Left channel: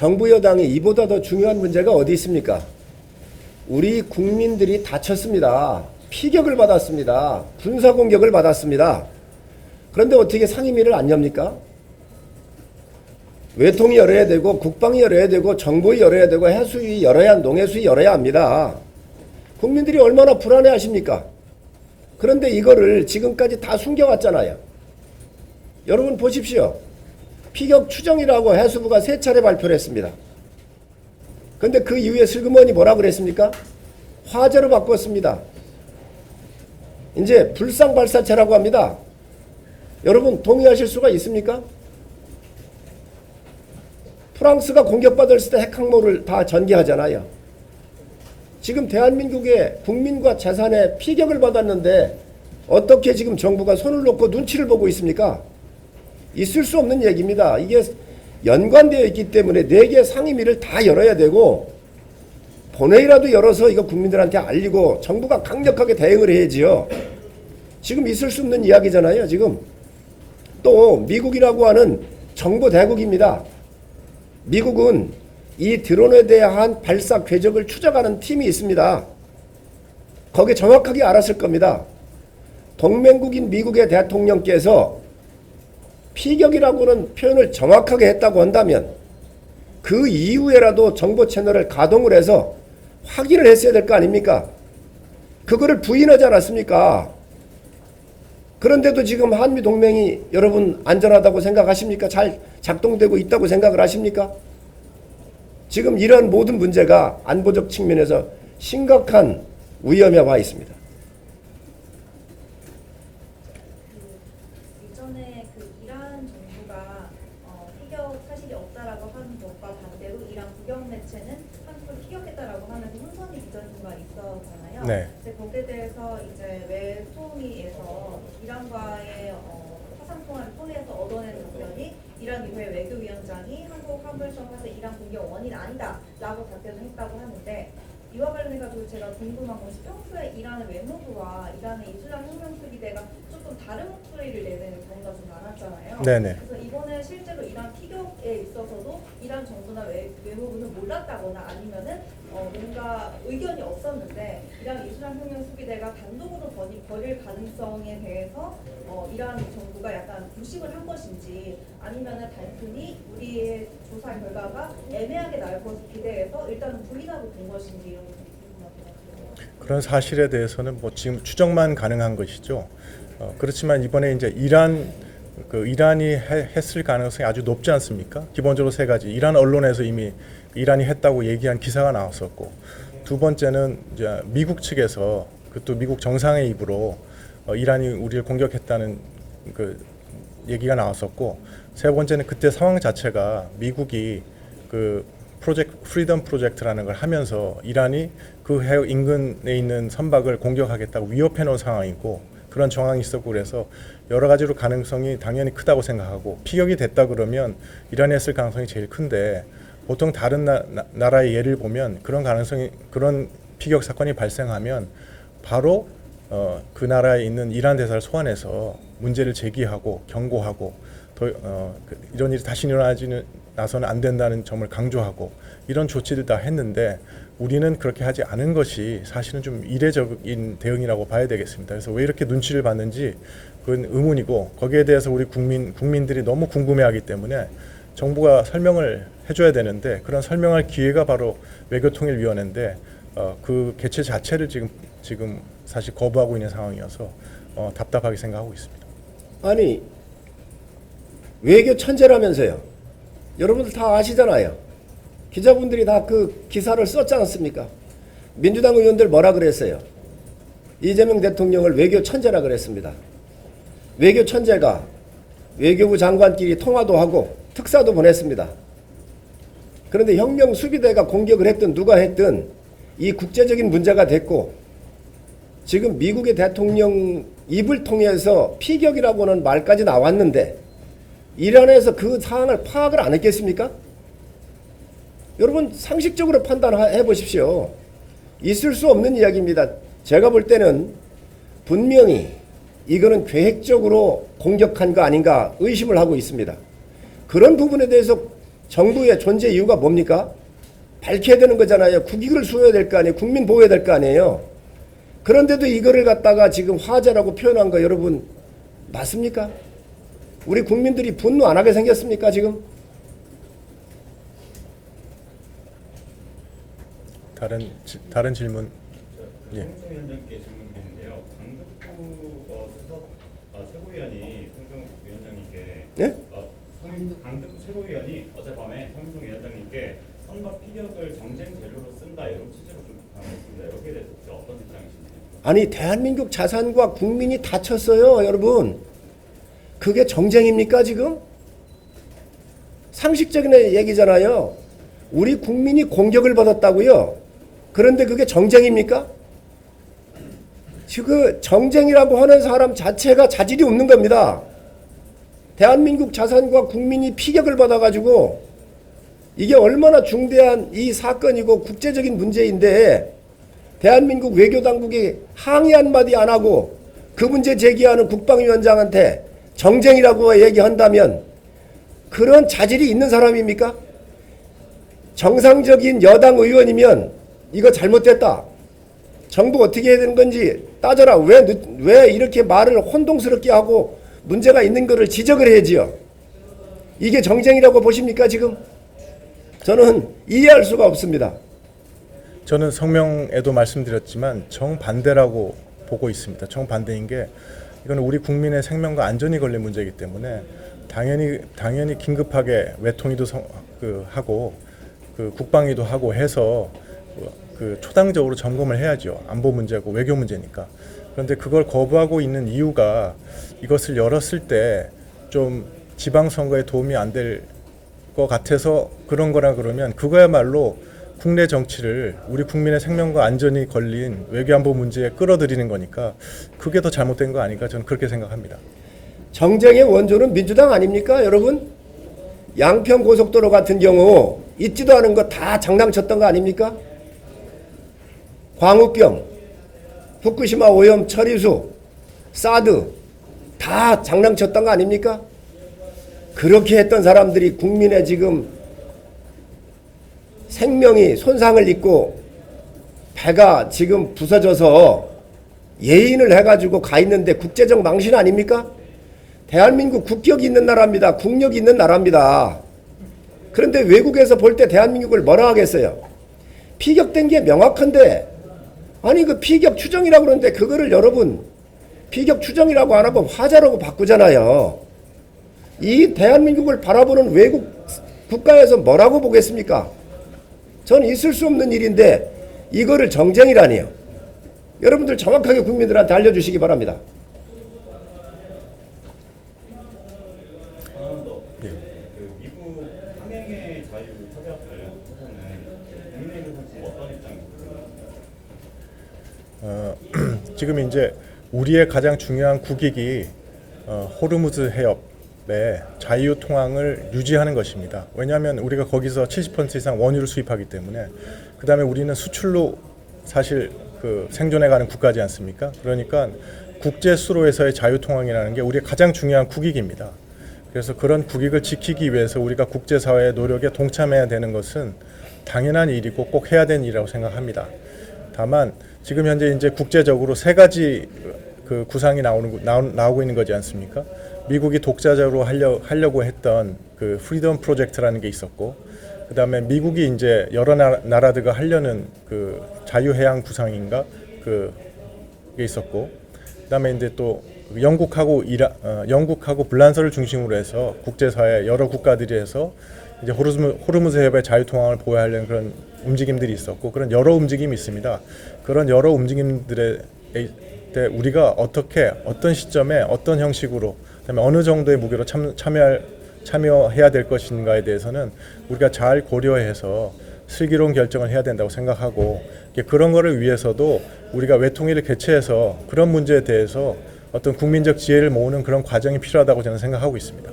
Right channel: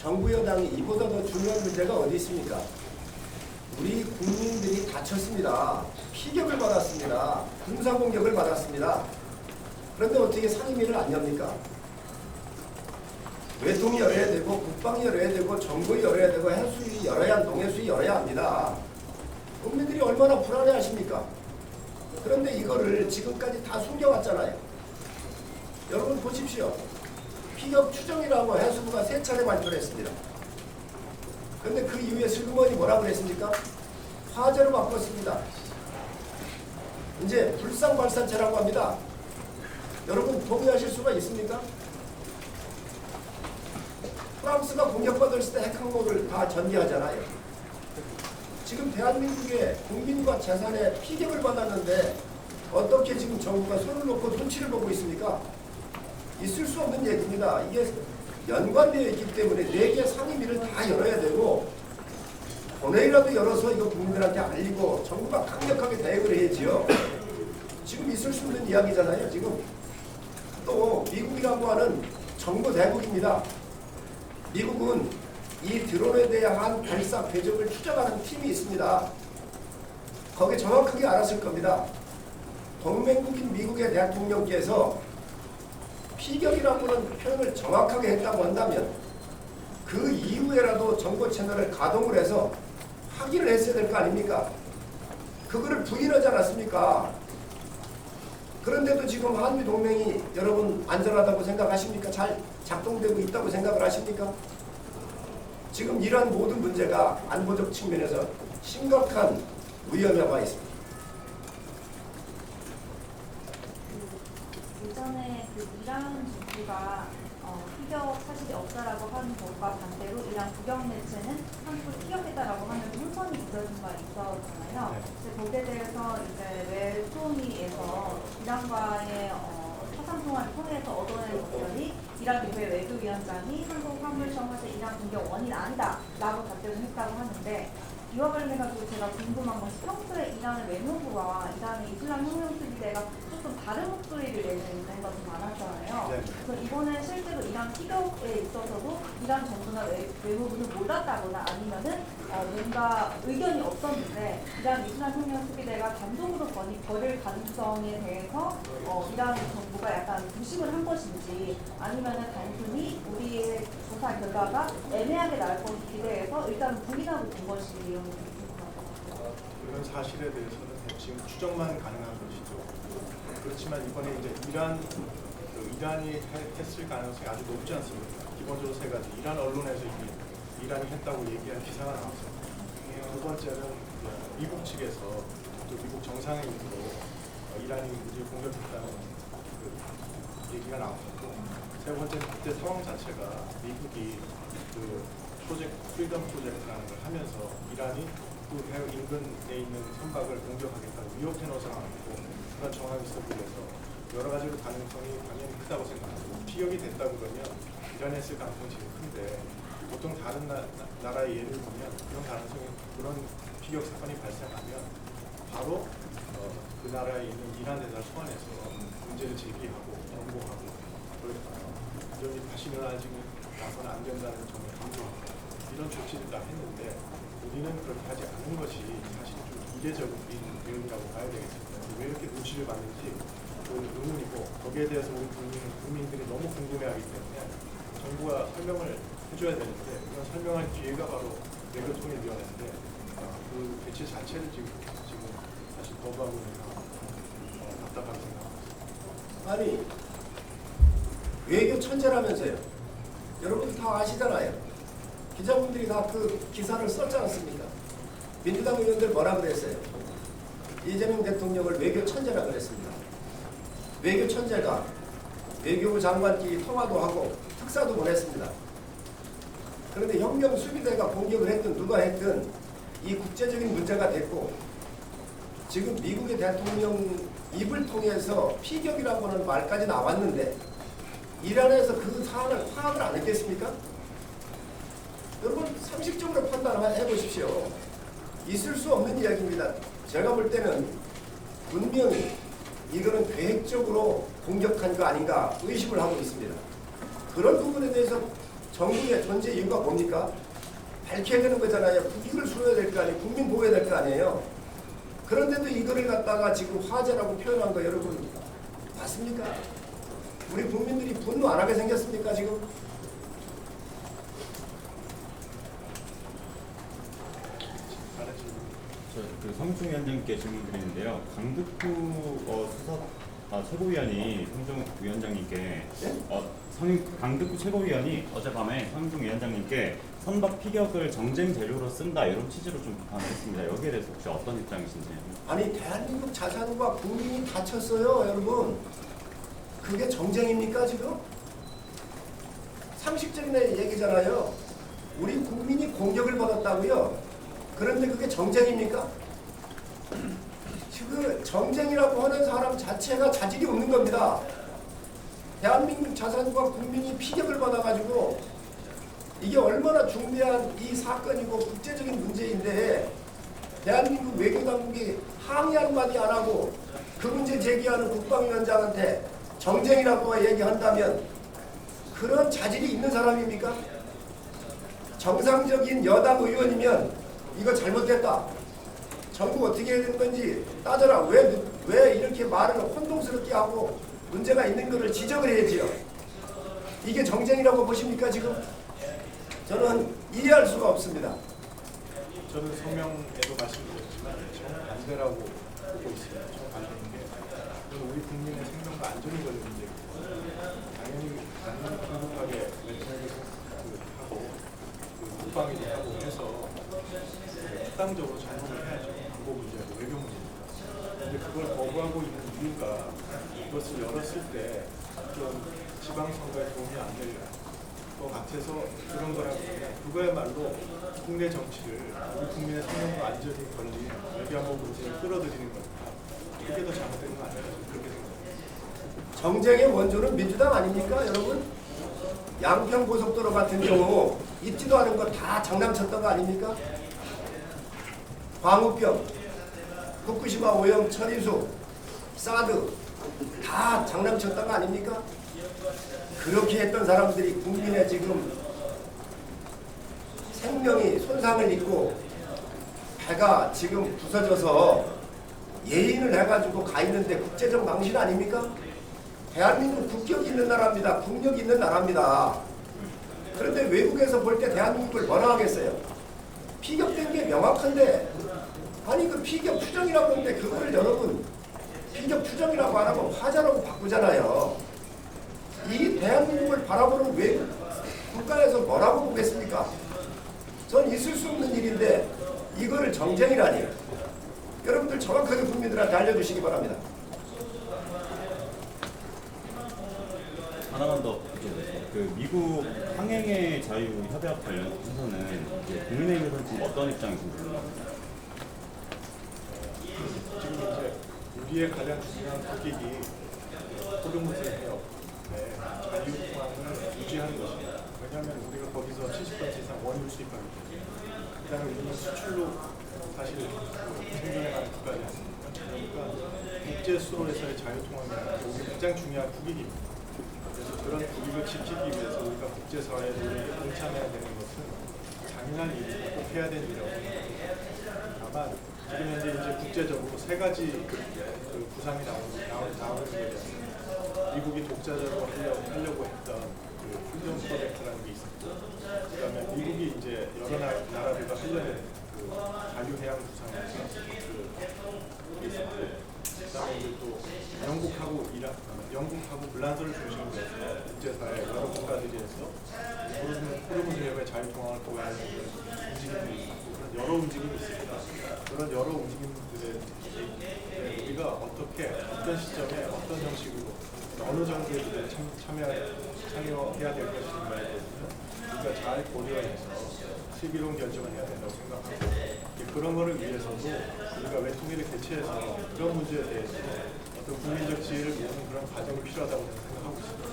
정부 여당이 이보다 더 중요한 문제가 어디 있습니까? 우리 국민들이 다쳤습니다. 피격을 받았습니다. 군사공격을 받았습니다. 그런데 어떻게 상임위를 안 엽니까? 외통이 열어야 되고 국방이 열어야 되고 정부이 열어야 되고 해수위 열어야 농해수위 열어야 합니다. 국민들이 얼마나 불안해 하십니까? 그런데 이거를 지금까지 다 숨겨왔잖아요. 여러분 보십시오. 피격 추정이라고 해수부가 3차례 발표를 했습니다. 근데 그 이후에 슬그머니 뭐라 그랬습니까? 화재로 바꿨습니다. 이제 불상발사체라고 합니다. 여러분 동의하실 수가 있습니까? 프랑스가 공격받았을 때 핵항모를 다 전개하잖아요. 지금 대한민국의 국민과 재산에 피격을 받았는데 어떻게 지금 정부가 손을 놓고 눈치를 보고 있습니까? 있을 수 없는 얘기입니다. 이게 연관되어 있기 때문에 4개 상임위를 다 열어야 되고 본회의라도 열어서 이거 국민들한테 알리고 정부가 강력하게 대응을 해야지요. 지금 있을 수 없는 이야기잖아요. 지금 또 미국이라고 하는 정보 대국입니다. 미국은 이 드론에 대한 발사 궤적을 추적하는 팀이 있습니다. 거기에 정확하게 알았을 겁니다. 동맹국인 미국의 대통령께서 피격이라고는 표현을 정확하게 했다고 한다면 그 이후에라도 정보 채널을 가동을 해서 확인을 했어야 될 거 아닙니까? 그거를 부인하지 않았습니까? 그런데도 지금 한미동맹이 여러분 안전하다고 생각하십니까? 잘 작동되고 있다고 생각을 하십니까? 지금 이런 모든 문제가 안보적 측면에서 심각한 위험에 와 있습니다. 예전에 그 이란 정부가 피격 사실이 없다라고 하는 것과 반대로 이란 국영 매체는 한국을 피격했다라고 하는 풍선이 붙여진 바 있었잖아요. 네. 근데 거기에 대해서 이제 외통위에서 이란과의 화상 통화를 통해서 얻어낸 답변이 이란 의회 외교위원장이 한국 화물 시험할 때 이란 공격 원인 아니다라고 답변을 했다고 하는데 이와 관련해가지고 제가 궁금한 것이 평소에 이란의 외무부와 이란의 이슬람 혁명수비대가 조금 다른 목소리를 내는 경우가 좀 많았잖아요. 네네. 그래서 이번에 실제로 이란 피격에 있어서도 이란 정부나 외무부는 몰랐다거나 아니면은 뭔가 의견이 없었는데 이란 이슬람 혁명수비대가 단독으로 벌일 가능성에 대해서 이란 정부가 약간 부심을 한 것인지 아니면은 단순히 우리의 조사 결과가 애매하게 나올 것을 기대해서 일단은 부인하고 본 것인지 이런 것들이 궁금하더라고요. 그런 사실에 대해서는 뭐 지금 추정만 가능한 것이죠. 그렇지만 이번에 이제 이란이 했을 가능성이 아주 높지 않습니까? 기본적으로 3가지. 이란 언론에서 이미 이란이 했다고 얘기한 기사가 나왔었고, 두 번째는 이제 미국 측에서 또 미국 정상의 입으로 이란이 우리를 공격했다는 그 얘기가 나왔었고, 세 번째는 그때 상황 자체가 미국이 그 프리덤 프로젝트라는 걸 하면서 이란이 그 해역 인근에 있는 선박을 공격하겠다고 위협해 놓은 상황이고 그런 정황이 있었고 그래서 여러 가지로 가능성이 당연히 크다고 생각하고 피격이 됐다 그러면 이란이 했을 가능성이 제일 큰데 보통 다른 나라의 예를 보면 그런 피격 사건이 발생하면 바로 그 나라에 있는 이란 대사를 소환해서 문제를 제기하고 경고하고 이런 일이 다시 일어나서는 안 된다는 점을 강조하고 이런 조치를 다 했는데 우리는 그렇게 하지 않은 것이 사실은 좀 이례적인 대응이라고 봐야 되겠습니다. 그래서 왜 이렇게 눈치를 봤는지 그건 의문이고 거기에 대해서 우리 국민들이 너무 궁금해하기 때문에 정부가 설명을 해줘야 되는데 그런 설명할 기회가 바로 외교통일위원회인데 그 개최 자체를 지금 사실 거부하고 있는 상황이어서 답답하게 생각하고 있습니다. 아니 외교 천재라면서요. 여러분들 다 아시잖아요. 기자분들이 다 그 기사를 썼지 않습니까? 민주당 의원들 뭐라 그랬어요? 이재명 대통령을 외교 천재라 그랬습니다. 외교 천재가 외교부 장관끼리 통화도 하고 특사도 보냈습니다. 그런데 혁명 수비대가 공격을 했든 누가 했든 이 국제적인 문제가 됐고 지금 미국의 대통령 입을 통해서 피격이라고는 말까지 나왔는데 이란에서 그 사안을 파악을 안 했겠습니까? 여러분 상식적으로 판단해 보십시오. 있을 수 없는 이야기입니다. 제가 볼 때는 분명히 이거는 계획적으로 공격한 거 아닌가 의심을 하고 있습니다. 그런 부분에 대해서 정부의 존재 이유가 뭡니까? 밝혀야 되는 거잖아요. 국익을 수호해야 될 거 아니에요. 국민 보호해야 될 거 아니에요. 그런데도 이거를 갖다가 지금 화제라고 표현한 거 여러분 맞습니까? 우리 국민들이 분노 안 하게 생겼습니까 지금? 다른 질문. 성중위원장님께 질문 드리는데요. 강득구 최고위원이 성중 위원장님께 예? 강득구 최고위원이 어젯밤에 성중 위원장님께 선박 피격을 정쟁 재료로 쓴다 이런 취지로 좀 비판했습니다. 여기에 대해서 혹시 어떤 입장이신지요? 아니 대한민국 자산과 국민이 다쳤어요 여러분. 그게 정쟁입니까 지금? 상식적인 얘기잖아요. 우리 국민이 공격을 받았다고요. 그런데 그게 정쟁입니까? 지금 정쟁이라고 하는 사람 자체가 자질이 없는 겁니다. 대한민국 자산과 국민이 피격을 받아가지고 이게 얼마나 중대한 이 사건이고 국제적인 문제인데 대한민국 외교당국이 항의 한마디 안 하고 그 문제 제기하는 국방위원장한테 정쟁이라고 얘기한다면 그런 자질이 있는 사람입니까? 정상적인 여당 의원이면 이거 잘못됐다. 정부 어떻게 해야 되는 건지 따져라. 왜 이렇게 말을 혼동스럽게 하고 문제가 있는 거를 지적을 해야지요. 이게 정쟁이라고 보십니까 지금? 저는 이해할 수가 없습니다. 저는 성명에도 말씀드렸지만 정반대라고 보고 있습니다. 정반대인 게 이건 우리 국민의 생명과 안전이 걸린 문제이기 때문에 당연히 긴급하게 외통위도 하고 국방위도 하고 해서 초당적으로 점검을 해야죠. 안보 문제고 외교 문제니까. 그런데 그걸 거부하고 있는 이유가 이것을 열었을 때 좀 지방선거에 도움이 안 될 것 같아서 그런 거라 그러면 그거야말로 국내 정치를 우리 국민의 생명과 안전이 걸린 외교안보 문제에 끌어들이는 거니까 그게 더 잘못된 거 아닐까 저는 그렇게 생각합니다. 정쟁의 원조는 민주당 아닙니까 여러분? 양평 고속도로 같은 경우 있지도 않은 거 다 장난쳤던 거 아닙니까? 광우병, 후쿠시마 오염 처리수, 사드 다 장난쳤던 거 아닙니까? 그렇게 했던 사람들이 국민의 지금 생명이 손상을 입고 배가 지금 부서져서 예인을 해가지고 가 있는데 국제적 망신 아닙니까? 대한민국 국격이 있는 나라입니다. 국력이 있는 나라입니다. 그런데 외국에서 볼 때 대한민국을 뭐라 하겠어요? 피격된 게 명확한데 아니 그 피격 추정이라고 그러는데 그거를 여러분 피격 추정이라고 안 하고 화자라고 바꾸잖아요. 이 대한민국을 바라보는 외국 국가에서 뭐라고 보겠습니까? 전 있을 수 없는 일인데 이거를 정쟁이라니요. 여러분들 정확하게 국민들한테 알려주시기 바랍니다. 하나만 더. 그 미국 항행의 자유 협약 관련해서는 국민의힘에서는 지금 어떤 입장이신가요? 지금 이제 우리의 가장 중요한 국익이 호르무즈 해협의 자유 통항을 유지하는 것입니다. 왜냐하면 우리가 거기서 70% 이상 원유를 수입하기 때문에 그 다음에 우리는 수출로 사실 생존해가는 국가지 않습니까? 그러니까 국제 수로에서의 자유 통항이라는 게 우리의 가장 중요한 국익입니다. 그래서 그런 국익을 지키기 위해서 우리가 국제사회의 노력에 동참해야 되는 것은 당연한 일이고 꼭 해야 되는 일이라고 생각합니다. 다만 지금 현재 이제 국제적으로 세 가지 구상이 나오고 있는 거지 않습니까? 미국이 독자적으로 하려고 했던 그 프리덤 프로젝트라는 게 있었고, 그 다음에 미국이 이제 여러 나라들과 하려는 그 자유해양 구상인가 그게 있었고, 그 다음에 이제 또 영국하고 불란서를 중심으로 해서 국제사회 여러 국가들이 해서 이제 호르무즈 해협의 자유 통항을 보호하려는 그런 움직임들이 있었고, 그런 여러 움직임이 있습니다. 그런 여러 움직임들에 때 우리가 어떻게 어떤 시점에 어떤 형식으로 그다음에 어느 정도의 무게로 참여해야 될 것인가에 대해서는 우리가 잘 고려해서 슬기로운 결정을 해야 된다고 생각하고, 그런 거를 위해서도 우리가 외통위를 개최해서 그런 문제에 대해서 어떤 국민적 지혜를 모으는 그런 과정이 필요하다고 저는 생각하고 있습니다.